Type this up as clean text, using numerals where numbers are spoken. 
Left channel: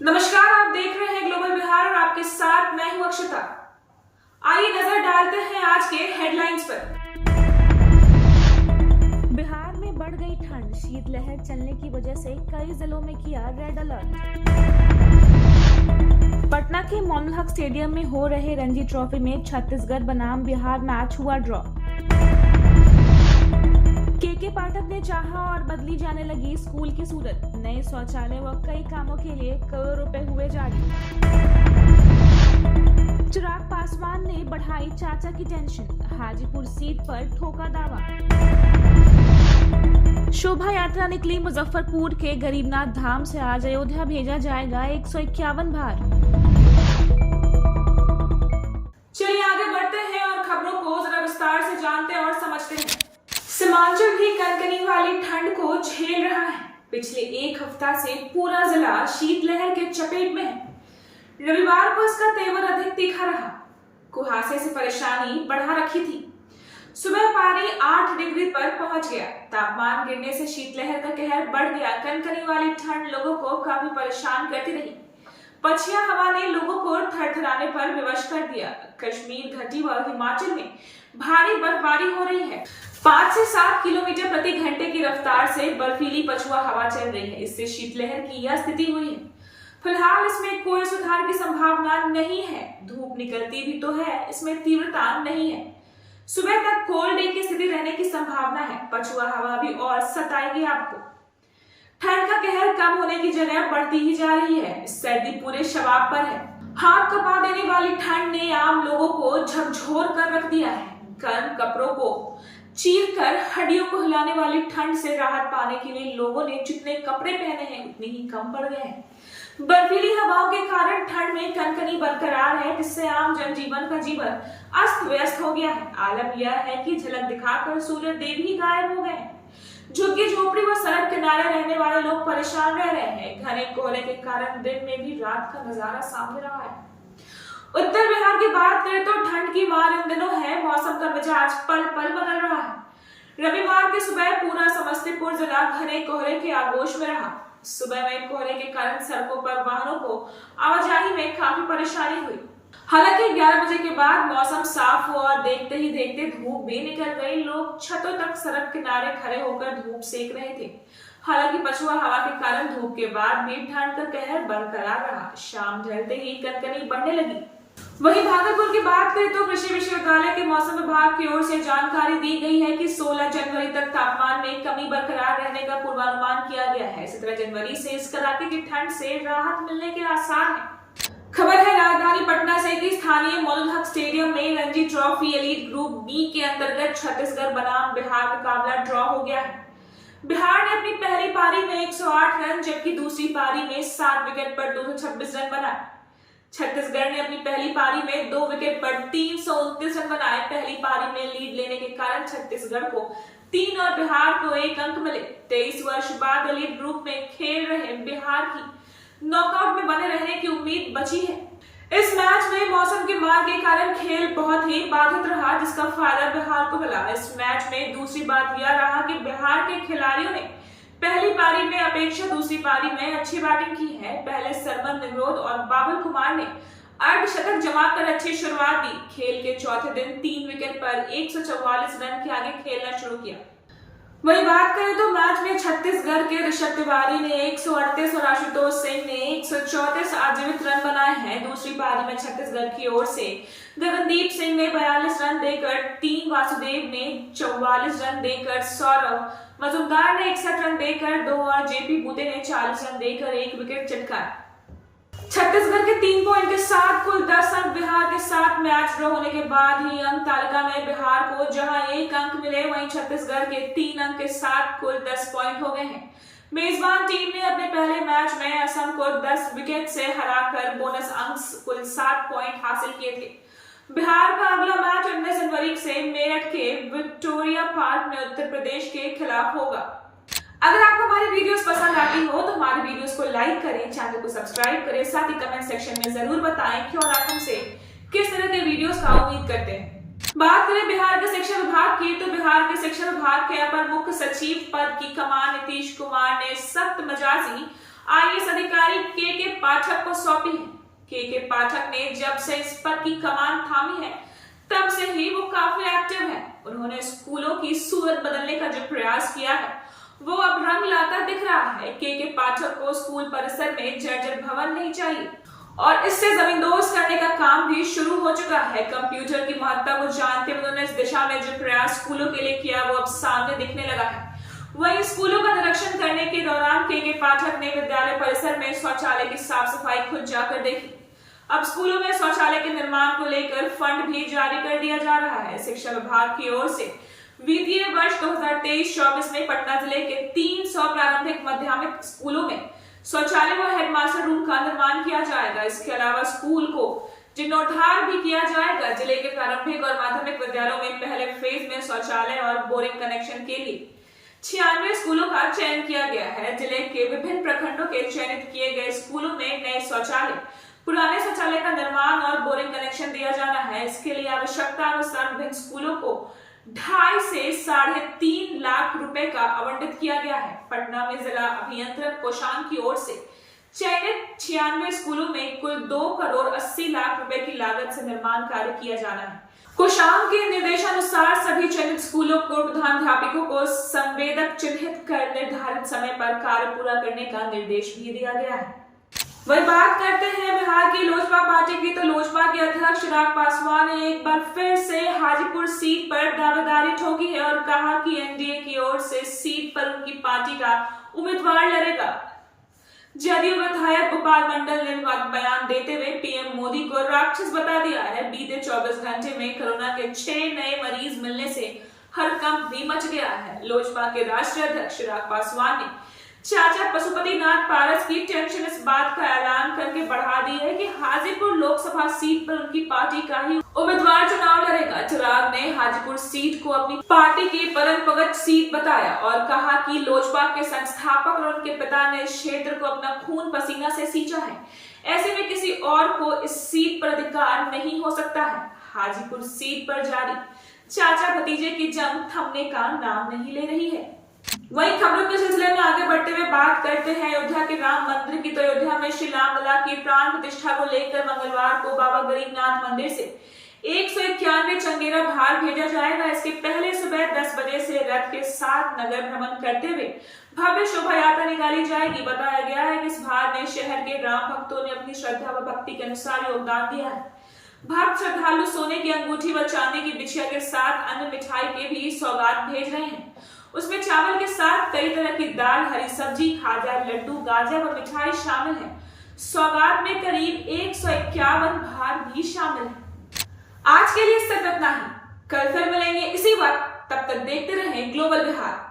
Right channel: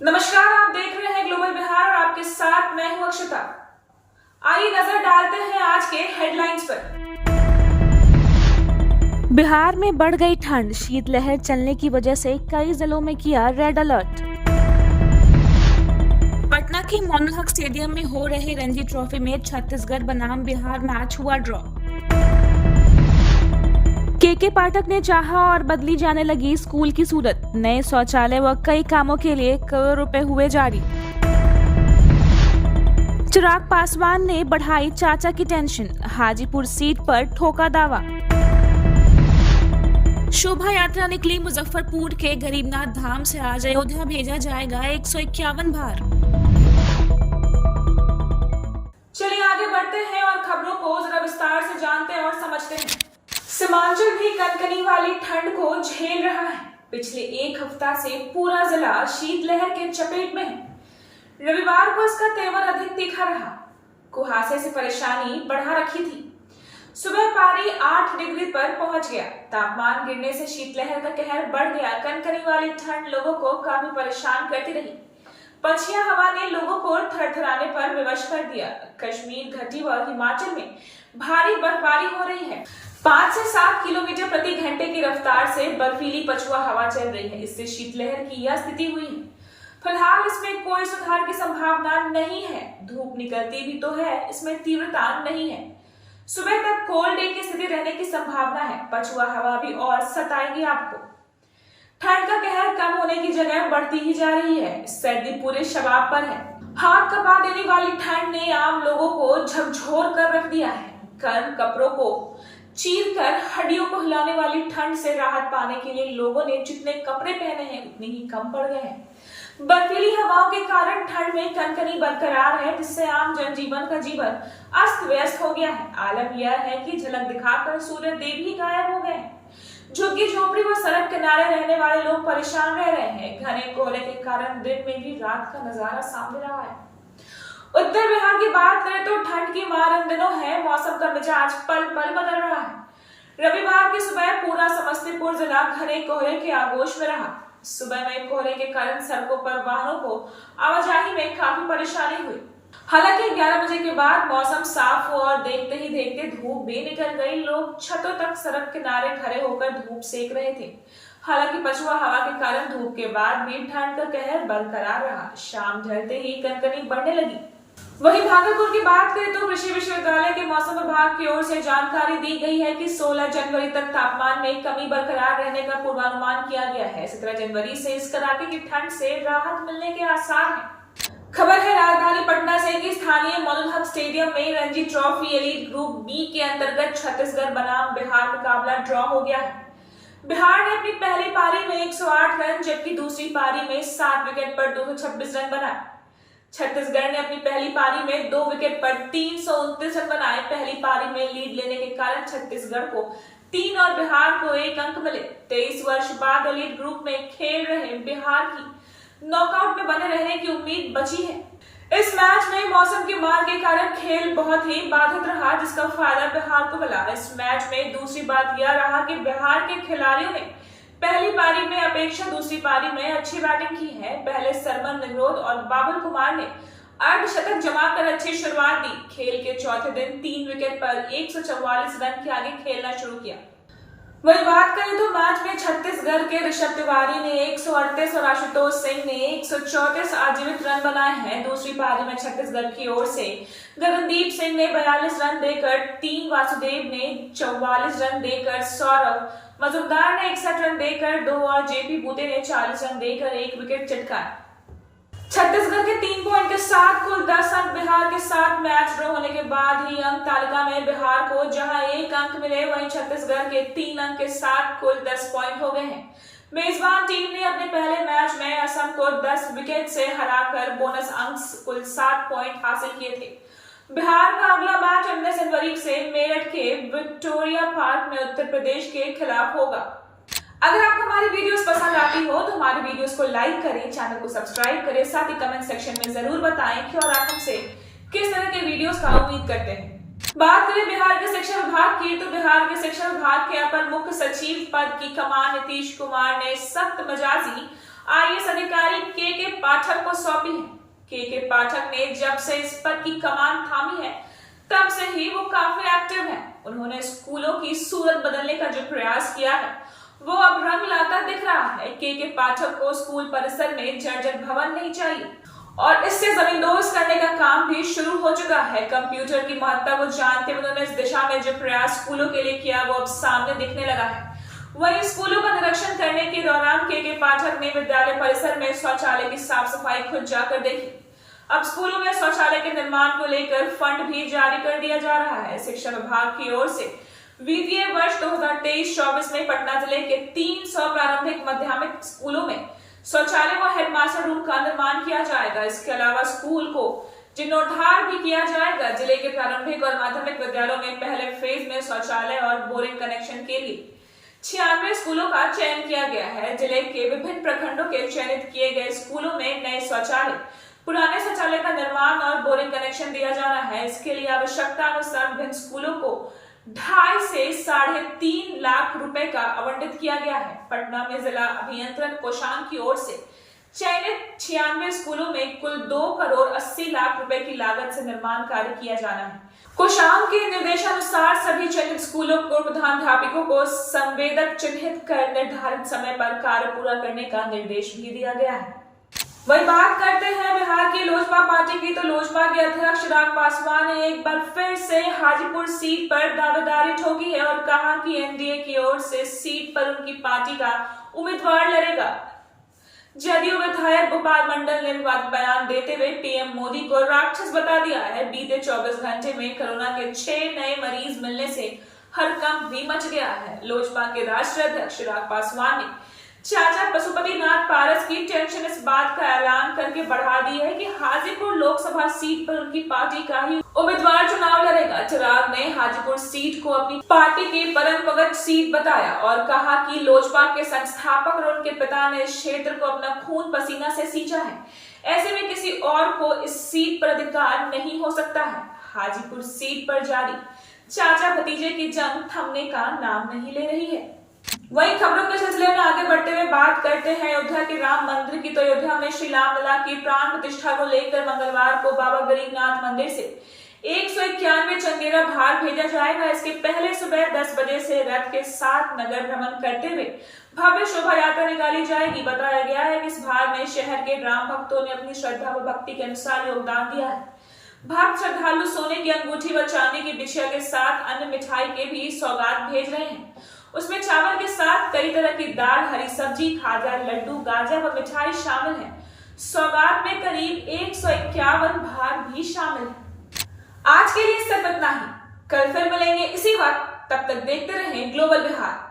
नमस्कार, आप देख रहे हैं ग्लोबल बिहार और आपके साथ मैं हूं अक्षता। आइए नजर डालते हैं आज के हेडलाइंस पर। बिहार में बढ़ गई ठंड, शीतलहर चलने की वजह से कई जिलों में किया रेड अलर्ट। पटना के मोइनुल हक स्टेडियम में हो रहे रणजी ट्रॉफी में छत्तीसगढ़ बनाम बिहार मैच हुआ ड्रॉ। के पाठक ने चाहा और बदली जाने लगी स्कूल की सूरत, नए शौचालय व कई कामों के लिए करोड़ों रुपए हुए जारी। चिराग पासवान ने बढ़ाई चाचा की टेंशन, हाजीपुर सीट पर ठोका दावा। शोभा यात्रा निकली मुजफ्फरपुर के गरीबनाथ धाम से, आज अयोध्या भेजा जाएगा 151 भार। चलिए आगे बढ़ते हैं और खबरों को जरा विस्तार से जानते और समझते हैं। सीमांचल भी कनकनी वाली ठंड को झेल रहा है। पिछले एक हफ्ता से पूरा जिला शीतलहर के चपेट में है। रविवार को इसका तेवर अधिक तीखा रहा। कुहासे से परेशानी बढ़ा रखी थी। सुबह पारी 8 डिग्री पर पहुंच गया। तापमान गिरने से शीतलहर का कहर बढ़ गया। कनकनी वाली ठंड लोगों को काफी परेशान करती रही। पछिया हवा ने लोगों को थरथराने पर विवश कर दिया। कश्मीर घाटी व हिमाचल में भारी बर्फबारी हो रही है। 5 से 7 किलोमीटर प्रति घंटे की रफ्तार से बर्फीली पछुआ हवा चल रही है। इससे शीतलहर की यह स्थिति हुई है। फिलहाल इसमें कोई सुधार की संभावना नहीं है। धूप निकलती भी तो है, इसमें तीव्रता नहीं है। सुबह तक कोल्ड डे की स्थिति रहने की संभावना है। पछुआ हवा भी और सताएगी आपको। ठंड का कहर कम होने की जगह बढ़ती ही जा रही है। सर्दी पूरे शबाब पर है। हाथ कपा देने वाली ठंड ने आम लोगों को झकझोर कर रख दिया है। गर्म कपड़ों को चीर कर हड्डियों को हिलाने वाली ठंड से राहत पाने के लिए लोगों ने जितने कपड़े पहने हैं उतने ही कम पड़ गए हैं। बर्फीली हवाओं के कारण ठंड में कनकनी बरकरार है, जिससे आम जनजीवन का जीवन अस्त व्यस्त हो गया है। आलम यह है कि झलक दिखाकर सूर्य देव ही गायब हो गए हैं। झुग्गी झोपड़ी व सड़क किनारे रहने वाले लोग परेशान रह रहे हैं। घने कोहरे के कारण दिन में भी रात का नजारा सामने रहा है। उत्तर बिहार की बात करें तो ठंड की मार इन दिनों है। मौसम का मिजाज पल पल बदल रहा है। रविवार की सुबह पूरा समस्तीपुर जिला घने कोहरे के आगोश में रहा। सुबह में कोहरे के कारण सड़कों पर वाहनों को आवाजाही में काफी परेशानी हुई। हालांकि 11 बजे के बाद मौसम साफ हुआ और देखते ही देखते धूप भी निकल गई। लोग छतों तक सड़क किनारे खड़े होकर धूप सेक रहे थे। हालांकि पछुआ हवा के कारण धूप के बाद भी ठंड का कहर बरकरार रहा। शाम ढलते ही कनकनी बढ़ने लगी। वहीं भागलपुर की बात करें तो कृषि विश्वविद्यालय के मौसम विभाग की ओर से जानकारी दी गई है कि 16 जनवरी तक तापमान में कमी बरकरार रहने का पूर्वानुमान किया गया है। 17 जनवरी से इस कड़ाके की ठंड से राहत मिलने के आसार हैं। खबर है राजधानी पटना से कि स्थानीय मोइनुल हक स्टेडियम में Ranji trophy elite group B के अंतर्गत छत्तीसगढ़ बनाम बिहार मुकाबला ड्रॉ हो गया है। बिहार ने अपनी पहली पारी में 108 रन जबकि दूसरी पारी में 7 विकेट पर 226 रन बनाए। छत्तीसगढ़ ने अपनी पहली पारी में 2 विकेट पर 329 रन बनाए। पहली पारी में लीड लेने के कारण छत्तीसगढ़ को 3 और बिहार को 1 अंक मिले। 23 वर्ष बाद एलीट ग्रुप में खेल रहे बिहार की नॉकआउट में बने रहने की उम्मीद बची है। इस मैच में मौसम की मार के कारण खेल बहुत ही बाधित रहा, जिसका फायदा बिहार को मिला। इस मैच में दूसरी बात यह रहा कि बिहार के खिलाड़ियों ने पहली पारी में अपेक्षा दूसरी पारी में अच्छी बैटिंग की है। पहले सरमन निग्रोध और बाबुल कुमार ने अर्धशतक जमाकर अच्छी शुरुआत दी। खेल के चौथे दिन 3 विकेट पर 144 रन के आगे खेलना शुरू किया। वही बात करें तो मैच में छत्तीसगढ़ के ऋषभ तिवारी ने 138 और आशुतोष सिंह ने 134 आजीवित रन बनाए हैं। दूसरी पारी में छत्तीसगढ़ की ओर से गगनदीप सिंह ने 42 रन देकर 3, वासुदेव ने 44 रन देकर, सौरव मजुमदार ने 61 रन देकर 2 और जेपी बूते ने 40 रन देकर 1 विकेट चटकाए। छत्तीसगढ़ के 3 पॉइंट के साथ कुल 10 अंक बिहार के साथ मैच ड्रॉ होने के बाद ही अंक तालिका में बिहार को जहां 1 अंक मिले, वहीं छत्तीसगढ़ के 3 अंक के साथ कुल 10 पॉइंट हो गए हैं। मेजबान टीम ने अपने पहले मैच में असम को 10 विकेट से हराकर बोनस अंक कुल 7 पॉइंट हासिल किए थे। बिहार का अगला मैच 19 जनवरी से मेरठ के विक्टोरिया पार्क में उत्तर प्रदेश के खिलाफ होगा। अगर आपको हमारी वीडियोस पसंद आती हो तो हमारी वीडियोस को लाइक करें, चैनल को सब्सक्राइब करें, साथ ही कमेंट सेक्शन में जरूर बताएं कि और आप हमसे किस तरह के वीडियोस का उम्मीद करते हैं। बात करें बिहार के शिक्षा विभाग की तो बिहार के शिक्षा विभाग के अपर मुख्य सचिव पद की कमान नीतीश कुमार ने सख्त मिजाजी आईएएस अधिकारी के पाठक को सौंपी है। के पाठक ने जब से इस पद की कमान थामी है तब से ही वो काफी एक्टिव है। उन्होंने स्कूलों की सूरत बदलने का जो प्रयास किया है वो अब रंग लाता दिख रहा है। के पाठक को स्कूल परिसर में जर्जर भवन नहीं चाहिए और इससे जमींदोज करने का काम भी शुरू हो चुका है। कंप्यूटर की महत्ता को जानते हुए उन्होंने इस दिशा में जो प्रयास स्कूलों के लिए किया वो अब सामने दिखने लगा है। वहीं स्कूलों का निरीक्षण करने के दौरान के पाठक ने विद्यालय परिसर में शौचालय की साफ सफाई खुद जाकर देखी। अब स्कूलों में शौचालय के निर्माण को लेकर फंड भी जारी कर दिया जा रहा है। शिक्षा विभाग की ओर से वित्तीय वर्ष 2023-24 में पटना जिले के 300 प्रारंभिक माध्यमिक स्कूलों में शौचालय व हेडमास्टर रूम का निर्माण किया जाएगा। इसके अलावा स्कूल को जीर्णोद्धार भी किया जाएगा। जिले के प्रारंभिक और माध्यमिक विद्यालयों में पहले फेज में शौचालय और बोरिंग कनेक्शन के लिए 96 स्कूलों का चयन किया गया है। जिले के विभिन्न प्रखंडों के चयनित किए गए स्कूलों में नए शौचालय, पुराने शौचालय का निर्माण और बोरिंग कनेक्शन दिया जाना है। इसके लिए आवश्यकता अनुसार विभिन्न स्कूलों को 2.5 से 3.5 लाख रुपए का आवंटित किया गया है। पटना में जिला अभियंत्रण कोषांग की ओर से चयनित 96 स्कूलों में कुल 2 करोड़ 80 लाख रुपए की लागत से निर्माण कार्य किया जाना है। कोषांग के निर्देशानुसार सभी चयनित स्कूलों को प्रधानाध्यापकों को संवेदक चिन्हित कर निर्धारित समय पर कार्य पूरा करने का निर्देश भी दिया गया है। वही बात करते हैं बिहार की लोजपा पार्टी की, तो लोजपा के अध्यक्ष चिराग पासवान ने एक बार फिर से हाजीपुर सीट पर दावेदारी ठोकी है और कहा कि एनडीए की ओर से सीट पर उनकी पार्टी का उम्मीदवार लड़ेगा। जदयू विधायक गोपाल मंडल ने बयान देते हुए पीएम मोदी को राक्षस बता दिया है। बीते 24 घंटे में कोरोना के 6 नए मरीज मिलने से हड़कंप भी मच गया है। लोजपा के राष्ट्रीय अध्यक्ष चिराग पासवान ने चाचा पशुपतिनाथ पारस की टेंशन इस बात का ऐलान करके बढ़ा दी है कि हाजीपुर लोकसभा सीट पर उनकी पार्टी का ही उम्मीदवार चुनाव लड़ेगा। चिराग ने हाजीपुर सीट को अपनी पार्टी की परंपरागत सीट बताया और कहा कि लोजपा के संस्थापक और उनके पिता ने इस क्षेत्र को अपना खून पसीना से सींचा है। ऐसे में किसी और को इस सीट पर अधिकार नहीं हो सकता है। हाजीपुर सीट पर जारी चाचा भतीजे की जंग थमने का नाम नहीं ले रही है। वहीं खबरों के सिलसिले में आगे बढ़ते हुए बात करते हैं अयोध्या के राम मंदिर की, तो अयोध्या में श्री रामलला की प्राण प्रतिष्ठा को लेकर मंगलवार को बाबा गरीबनाथ मंदिर से 191 चंगेरा भार भेजा जाएगा। इसके पहले सुबह 10 बजे से रथ के साथ नगर भ्रमण करते हुए भव्य शोभा यात्रा निकाली जाएगी। बताया गया है कि इस भार में शहर के राम भक्तों ने अपनी श्रद्धा व भक्ति के अनुसार योगदान दिया है। भक्त श्रद्धालु सोने की अंगूठी व चांदी की बिछिया के साथ अन्य मिठाई के भी सौगात भेज रहे हैं। उसमें चावल के साथ कई तरह की दाल, हरी सब्जी, खाजा, लड्डू, गाजर व मिठाई शामिल है। सौगात में करीब 151 भार भी शामिल है। आज के लिए सिर्फ इतना ही। कल फिर मिलेंगे इसी वक्त, तब तक देखते रहें ग्लोबल बिहार।